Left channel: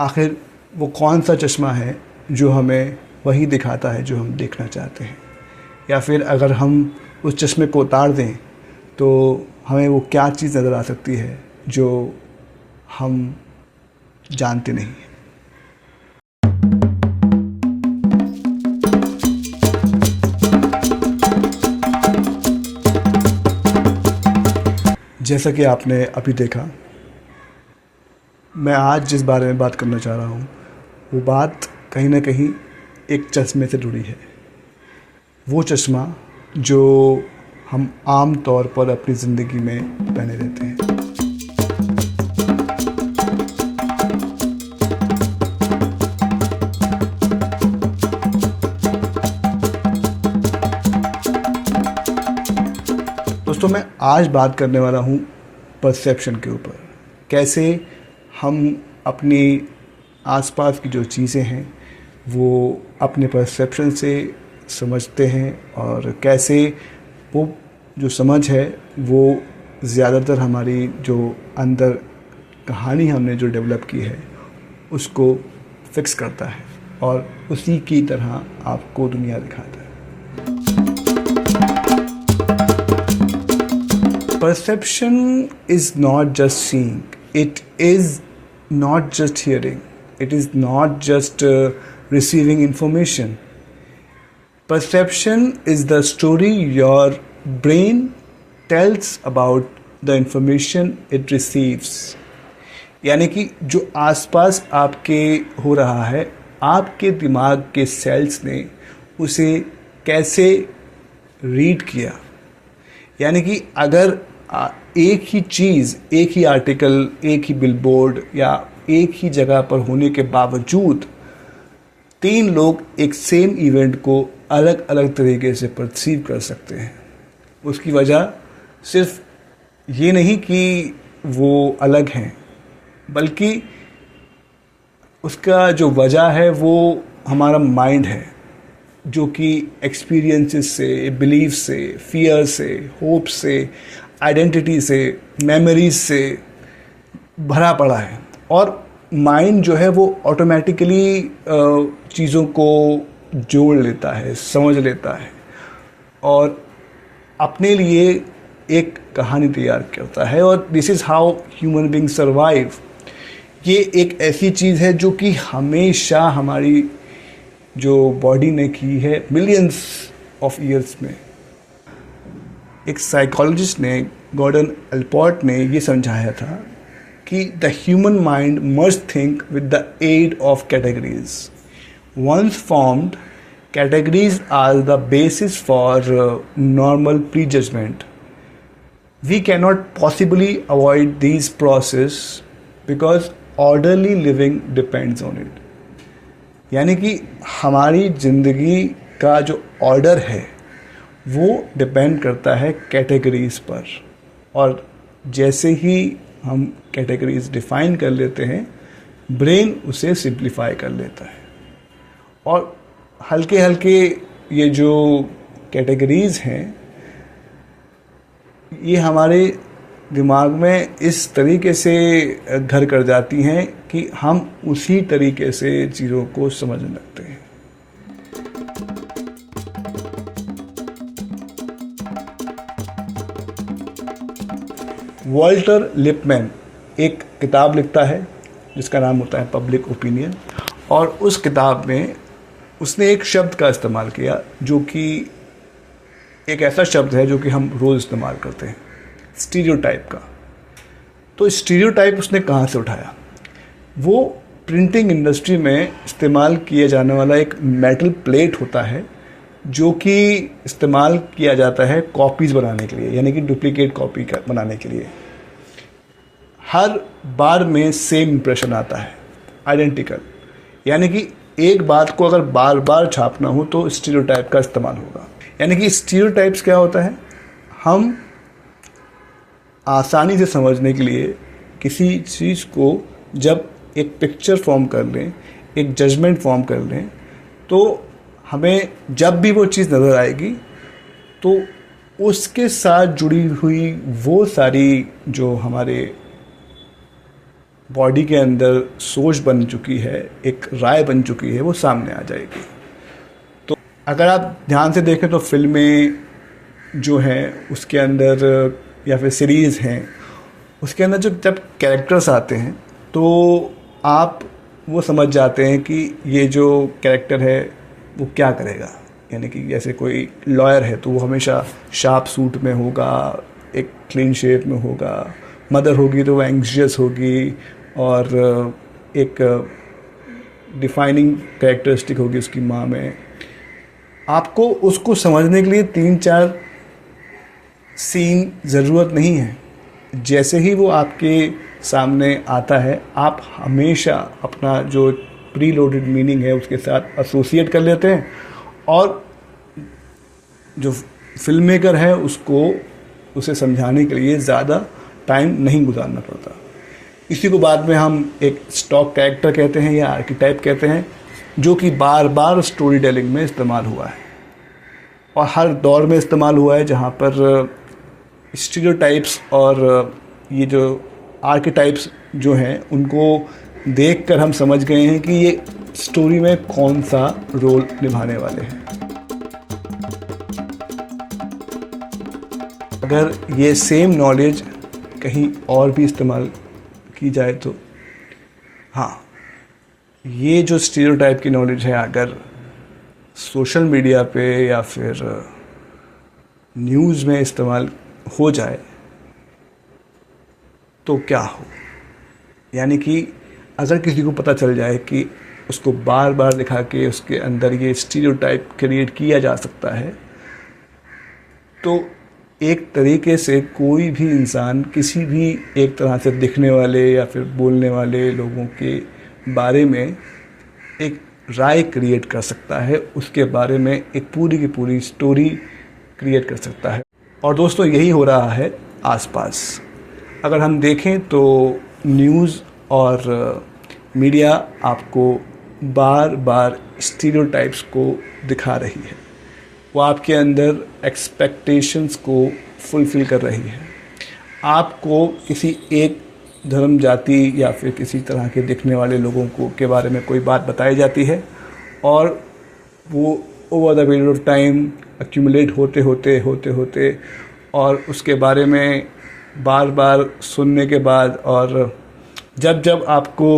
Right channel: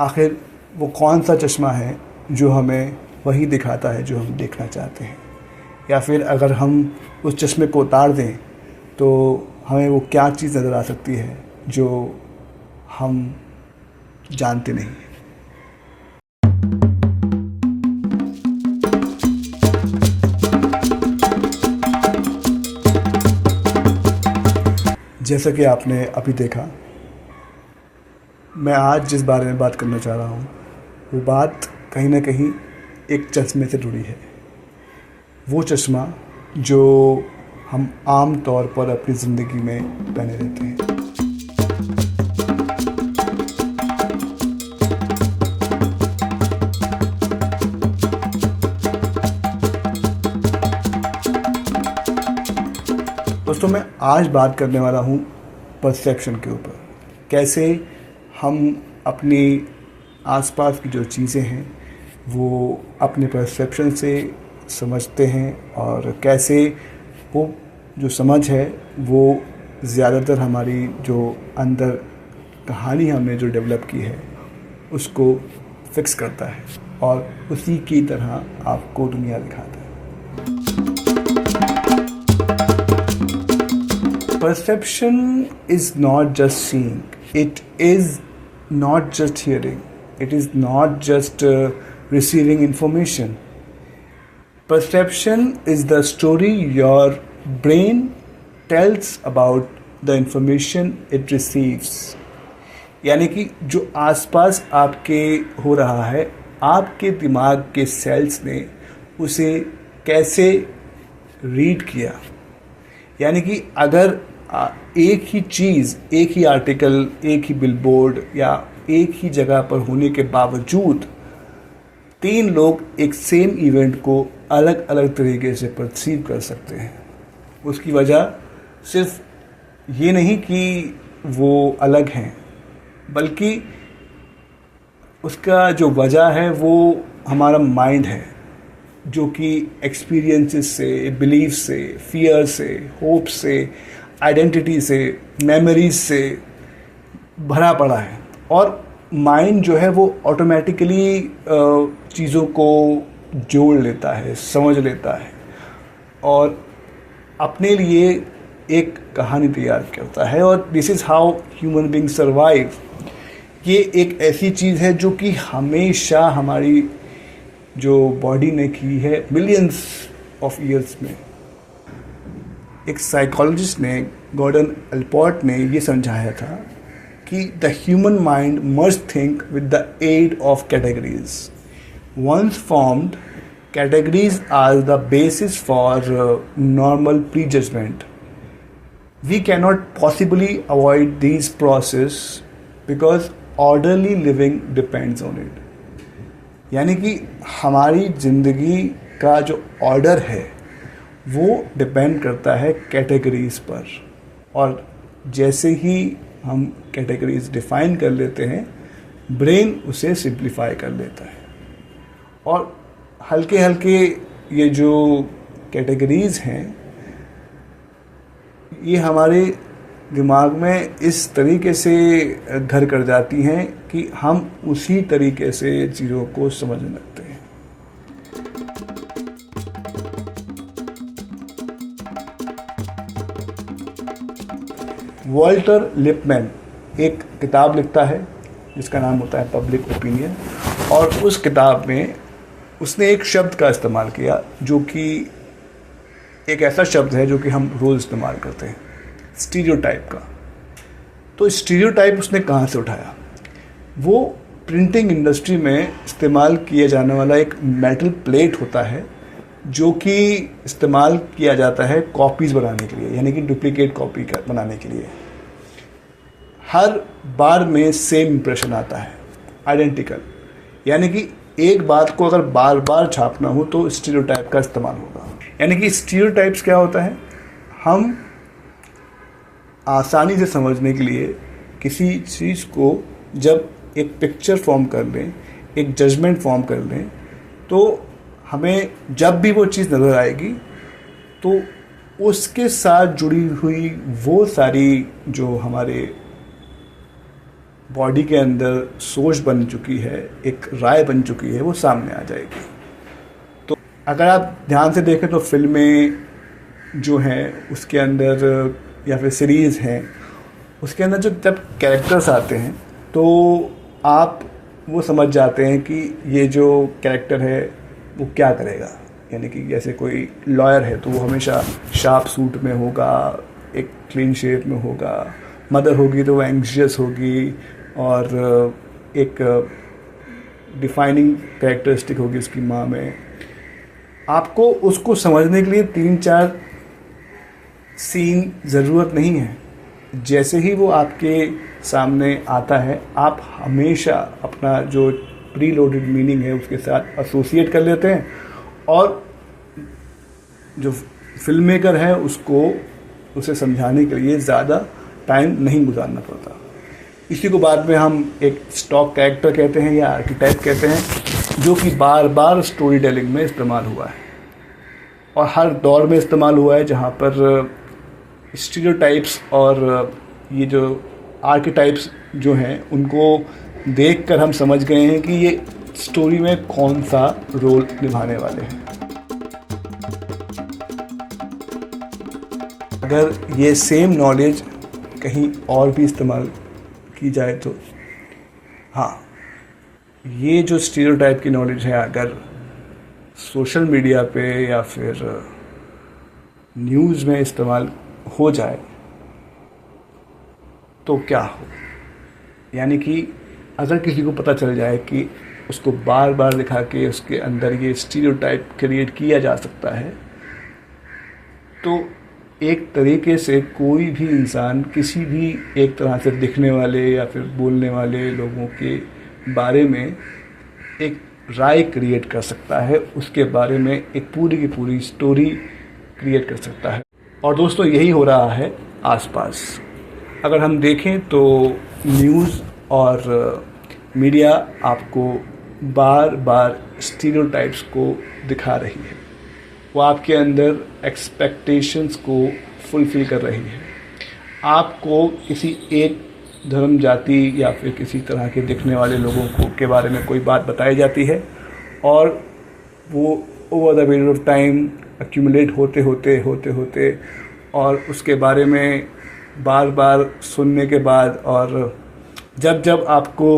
आखिर वो कौन सा चश्मा है जो हमें वही दिखाता है जो हम देखना चाहते हैं, या फिर अगर हम उस चश्मे को उतार दें तो हमें वो क्या चीज़ नज़र आ सकती है जो हम जानते नहीं हैं। जैसा कि आपने अभी देखा, मैं आज जिस बारे में बात करना चाह रहा हूँ वो बात कहीं ना कहीं एक चश्मे से जुड़ी है। वो चश्मा जो हम आम तौर पर अपनी ज़िंदगी में पहने रहते हैं। दोस्तों, मैं आज बात करने वाला हूँ परसेप्शन के ऊपर। कैसे हम अपनी आसपास की जो चीज़ें हैं वो अपने परसेप्शन से समझते हैं, और कैसे वो जो समझ है वो ज़्यादातर हमारी जो अंदर कहानी हमने जो डेवलप की है उसको फिक्स करता है और उसी की तरह आपको दुनिया दिखाता है। Perception is not just seeing, it is not just hearing, it is not just receiving information. Perception is the story your brain tells about the information it receives. यानी कि जो आसपास आपके हो रहा है, आपके दिमाग के सेल्स ने उसे कैसे रीड किया। यानी कि अगर एक ही चीज़, एक ही आर्टिकल, एक ही बिलबोर्ड या एक ही जगह पर होने के बावजूद 3 लोग एक सेम इवेंट को अलग अलग तरीके से परसीव कर सकते हैं, उसकी वजह सिर्फ ये नहीं कि वो अलग हैं, बल्कि उसका जो वजह है वो हमारा माइंड है, जो कि एक्सपीरियंसेस से, बिलीफ से, फियर से, होप से, आइडेंटिटी से, मेमोरीज से भरा पड़ा है। और माइंड जो है वो ऑटोमेटिकली चीज़ों को जोड़ लेता है, समझ लेता है और अपने लिए एक कहानी तैयार करता है। और this is how human being survive. ये एक ऐसी चीज़ है जो कि हमेशा हमारी जो बॉडी ने की है मिलियंस ऑफ ईयर्स में। एक साइकोलॉजिस्ट ने, गॉर्डन एल्पोर्ट ने ये समझाया था कि the human mind must think with the aid of categories. Once formed, categories are the basis for normal prejudgment. We cannot possibly avoid this process because orderly living depends on it. यानी कि हमारी ज़िंदगी का जो order है वो depend करता है कैटेगरीज पर, और जैसे ही हम कैटेगरीज डिफाइन कर लेते हैं, ब्रेन उसे सिंप्लीफाई कर लेता है। और हल्के हल्के ये जो कैटेगरीज हैं ये हमारे दिमाग में इस तरीके से घर कर जाती हैं कि हम उसी तरीके से चीज़ों को समझने लगते हैं। वॉल्टर लिपमैन एक किताब लिखता है जिसका नाम होता है पब्लिक ओपिनियन, और उस किताब में उसने एक शब्द का इस्तेमाल किया जो कि एक ऐसा शब्द है जो कि हम रोज़ इस्तेमाल करते हैं, स्टीरियोटाइप का। तो स्टीरियोटाइप उसने कहाँ से उठाया? वो प्रिंटिंग इंडस्ट्री में इस्तेमाल किया जाने वाला एक मेटल प्लेट होता है जो कि इस्तेमाल किया जाता है कॉपीज़ बनाने के लिए, यानी कि डुप्लीकेट कॉपी बनाने के लिए। हर बार में सेम इंप्रेशन आता है, आइडेंटिकल। यानी कि एक बात को अगर बार बार छापना हो तो स्टीरियोटाइप का इस्तेमाल होगा। यानी कि स्टीरियोटाइप्स क्या होता है? हम आसानी से समझने के लिए किसी चीज़ को जब एक पिक्चर फॉर्म कर लें, एक जजमेंट फॉर्म कर लें, तो हमें जब भी वो चीज़ नज़र आएगी तो उसके साथ जुड़ी हुई वो सारी जो हमारे बॉडी के अंदर सोच बन चुकी है, एक राय बन चुकी है, वो सामने आ जाएगी। तो अगर आप ध्यान से देखें तो फिल्में जो हैं उसके अंदर या फिर सीरीज़ हैं उसके अंदर जब कैरेक्टर्स आते हैं तो आप वो समझ जाते हैं कि ये जो कैरेक्टर है वो क्या करेगा। यानी कि जैसे कोई लॉयर है तो वो हमेशा शार्प सूट में होगा, एक क्लीन शेप में होगा। मदर होगी तो वो एंग्जियस होगी और एक डिफाइनिंग कैरेक्टरिस्टिक होगी उसकी माँ में। आपको उसको समझने के लिए 3-4 सीन ज़रूरत नहीं है। जैसे ही वो आपके सामने आता है आप हमेशा अपना जो प्री लोडेड मीनिंग है उसके साथ एसोसिएट कर लेते हैं और जो फिल्म मेकर है उसको उसे समझाने के लिए ज़्यादा टाइम नहीं गुजारना पड़ता। इसी को बाद में हम एक स्टॉक कैरेक्टर कहते हैं या आर्किटाइप कहते हैं, जो कि बार बार स्टोरी टेलिंग में इस्तेमाल हुआ है और हर दौर में इस्तेमाल हुआ है, जहाँ पर स्टीरियोटाइप्स और ये जो आर्किटाइप्स जो हैं उनको देखकर हम समझ गए हैं कि ये स्टोरी में कौन सा रोल निभाने वाले हैं। अगर ये सेम नॉलेज कहीं और भी इस्तेमाल की जाए तो हाँ, ये जो स्टीरियोटाइप की नॉलेज है अगर सोशल मीडिया पे या फिर न्यूज़ में इस्तेमाल हो जाए तो क्या हो। यानी कि अगर किसी को पता चल जाए कि उसको बार बार दिखा के उसके अंदर ये स्टीरियोटाइप क्रिएट किया जा सकता है, तो एक तरीके से कोई भी इंसान किसी भी एक तरह से दिखने वाले या फिर बोलने वाले लोगों के बारे में एक राय क्रिएट कर सकता है, उसके बारे में एक पूरी की पूरी स्टोरी क्रिएट कर सकता है। और दोस्तों यही हो रहा है आसपास। अगर हम देखें तो न्यूज़ और मीडिया आपको बार बार स्टीरियोटाइप्स को दिखा रही है, वो आपके अंदर एक्सपेक्टेशंस को फुलफिल कर रही है। आपको किसी एक धर्म, जाति या फिर किसी तरह के दिखने वाले लोगों को के बारे में कोई बात बताई जाती है और वो over the period of time accumulate होते और उसके बारे में बार बार सुनने के बाद और जब आपको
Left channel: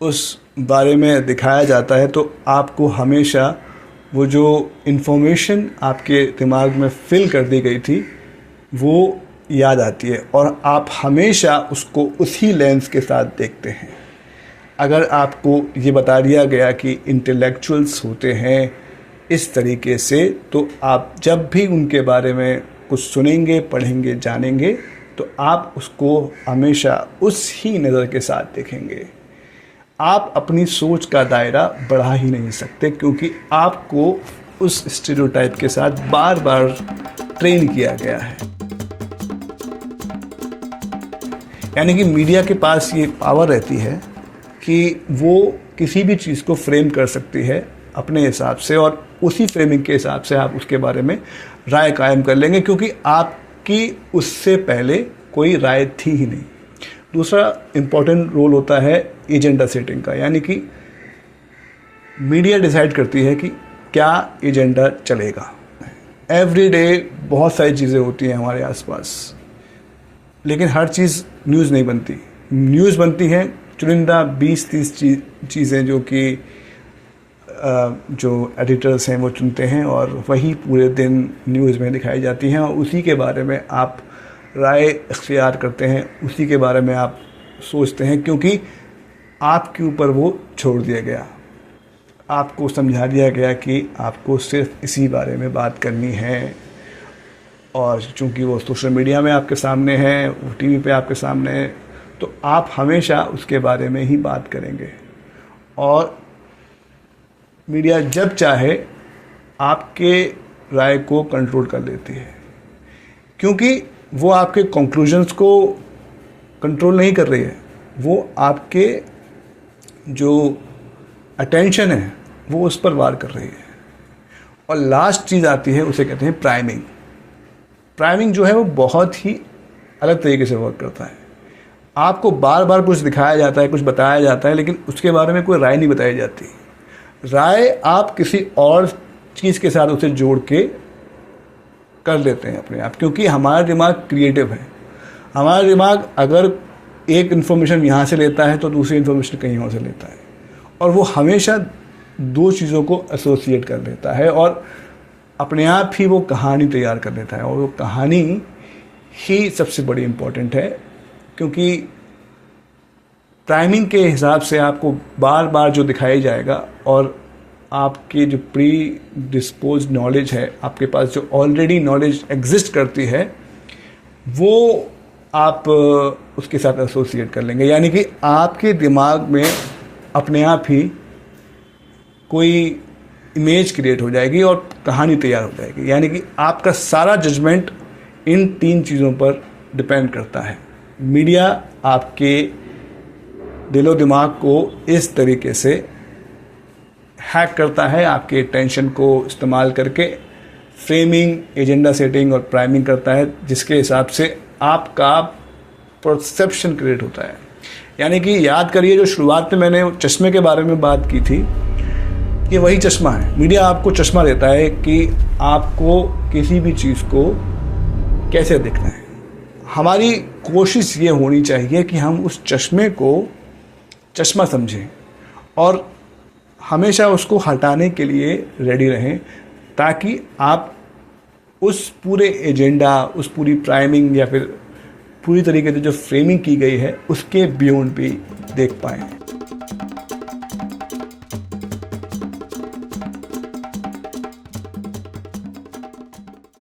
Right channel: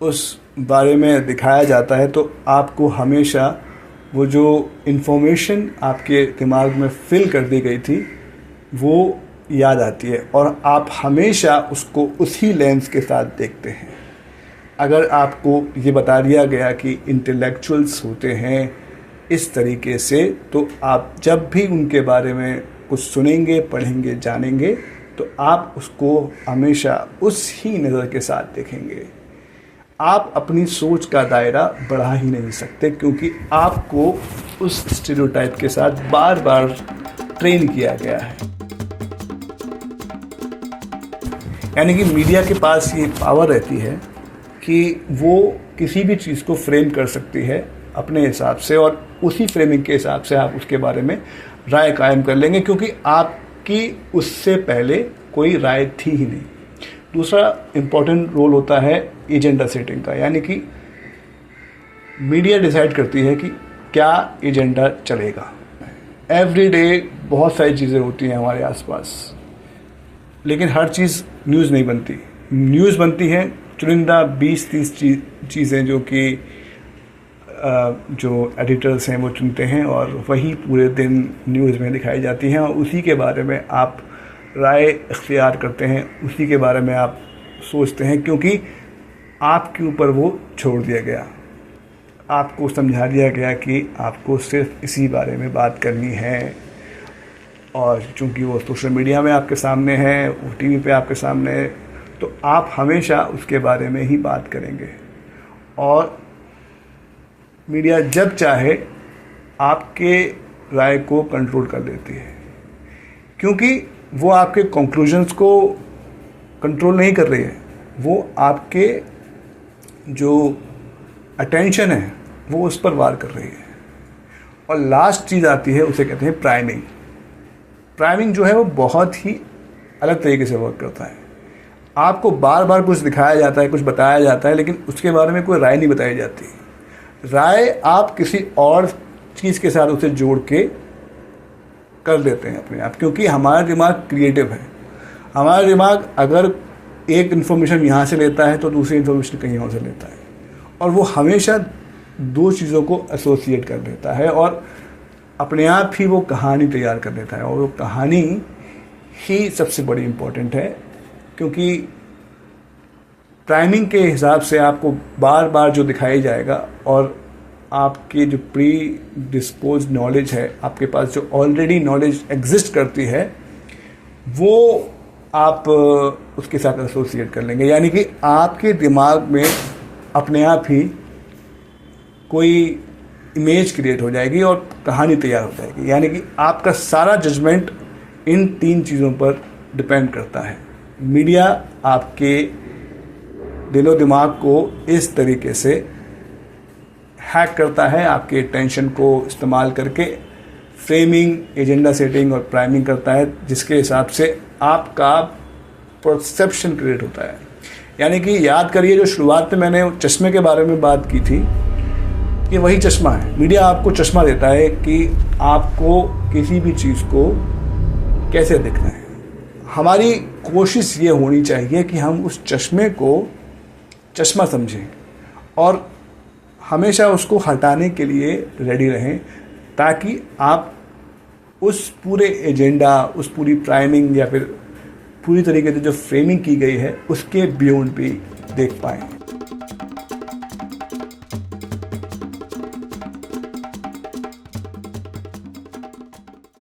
उस बारे में दिखाया जाता है तो आपको हमेशा वो जो इन्फॉर्मेशन आपके दिमाग में फिल कर दी गई थी वो याद आती है और आप हमेशा उसको उसी लेंस के साथ देखते हैं। अगर आपको ये बता दिया गया कि इंटेलेक्चुअल्स होते हैं इस तरीके से, तो आप जब भी उनके बारे में कुछ सुनेंगे, पढ़ेंगे, जानेंगे तो आप उसको हमेशा उस ही नज़र के साथ देखेंगे। आप अपनी सोच का दायरा बढ़ा ही नहीं सकते क्योंकि आपको उस स्टीरियोटाइप के साथ बार बार ट्रेन किया गया है। यानी कि मीडिया के पास ये पावर रहती है कि वो किसी भी चीज़ को फ्रेम कर सकती है अपने हिसाब से और उसी फ्रेमिंग के हिसाब से आप उसके बारे में राय कायम कर लेंगे क्योंकि आपकी उससे पहले कोई राय थी ही नहीं। दूसरा इम्पॉर्टेंट रोल होता है एजेंडा सेटिंग का, यानी कि मीडिया डिसाइड करती है कि क्या एजेंडा चलेगा। एवरी डे बहुत सारी चीज़ें होती हैं हमारे आसपास, लेकिन हर चीज़ न्यूज़ नहीं बनती। न्यूज़ बनती है चुनिंदा 20-30 चीज़ें जो कि जो एडिटर्स हैं वो चुनते हैं और वही पूरे दिन न्यूज़ में दिखाई जाती हैं और उसी के बारे में आप राय इख्तियार करते हैं, उसी के बारे में आप सोचते हैं क्योंकि आपके ऊपर वो छोड़ दिया गया। आपको समझा दिया गया कि आपको सिर्फ इसी बारे में बात करनी है और चूंकि वो सोशल मीडिया में आपके सामने है, वो टीवी पे आपके सामने है, तो आप हमेशा उसके बारे में ही बात करेंगे और मीडिया जब चाहे आपके राय को कंट्रोल कर लेती है क्योंकि वो आपके कंक्लूजन्स को कंट्रोल नहीं कर रही है, वो आपके जो अटेंशन है वो उस पर वार कर रही है। और लास्ट चीज़ आती है, उसे कहते हैं प्राइमिंग जो है वो बहुत ही अलग तरीके से वर्क करता है। आपको बार बार कुछ दिखाया जाता है, कुछ बताया जाता है, लेकिन उसके बारे में कोई राय नहीं बताई जाती। राय आप किसी और चीज़ के साथ उसे जोड़ के कर लेते हैं अपने आप, क्योंकि हमारा दिमाग क्रिएटिव है। हमारा दिमाग अगर एक इन्फॉर्मेशन यहाँ से लेता है तो दूसरी इन्फॉर्मेशन कहीं और से लेता है, और वो हमेशा दो चीज़ों को एसोसिएट कर देता है और अपने आप ही वो कहानी तैयार कर देता है। और वो कहानी ही सबसे बड़ी इम्पोर्टेंट है, क्योंकि प्राइमिंग के हिसाब से आपको बार बार जो दिखाया जाएगा और आपके जो प्री डिस्पोज नॉलेज है, आपके पास जो ऑलरेडी नॉलेज एग्जिस्ट करती है, वो आप उसके साथ एसोसिएट कर लेंगे। यानी कि आपके दिमाग में अपने आप ही कोई इमेज क्रिएट हो जाएगी और कहानी तैयार हो जाएगी। यानी कि आपका सारा जजमेंट इन तीन चीज़ों पर डिपेंड करता है। मीडिया आपके दिलो दिमाग को इस तरीके से हैक करता है, आपके टेंशन को इस्तेमाल करके फ्रेमिंग, एजेंडा सेटिंग और प्राइमिंग करता है, जिसके हिसाब से आपका परसेप्शन क्रिएट होता है। यानी कि याद करिए, जो शुरुआत में मैंने चश्मे के बारे में बात की थी, ये वही चश्मा है। मीडिया आपको चश्मा देता है कि आपको किसी भी चीज़ को कैसे देखना है। हमारी कोशिश ये होनी चाहिए कि हम उस चश्मे को चश्मा समझें और हमेशा उसको हटाने के लिए रेडी रहें, ताकि आप उस पूरे एजेंडा, उस पूरी प्राइमिंग या फिर पूरी तरीके से जो फ्रेमिंग की गई है उसके बियॉन्ड भी देख पाएँ।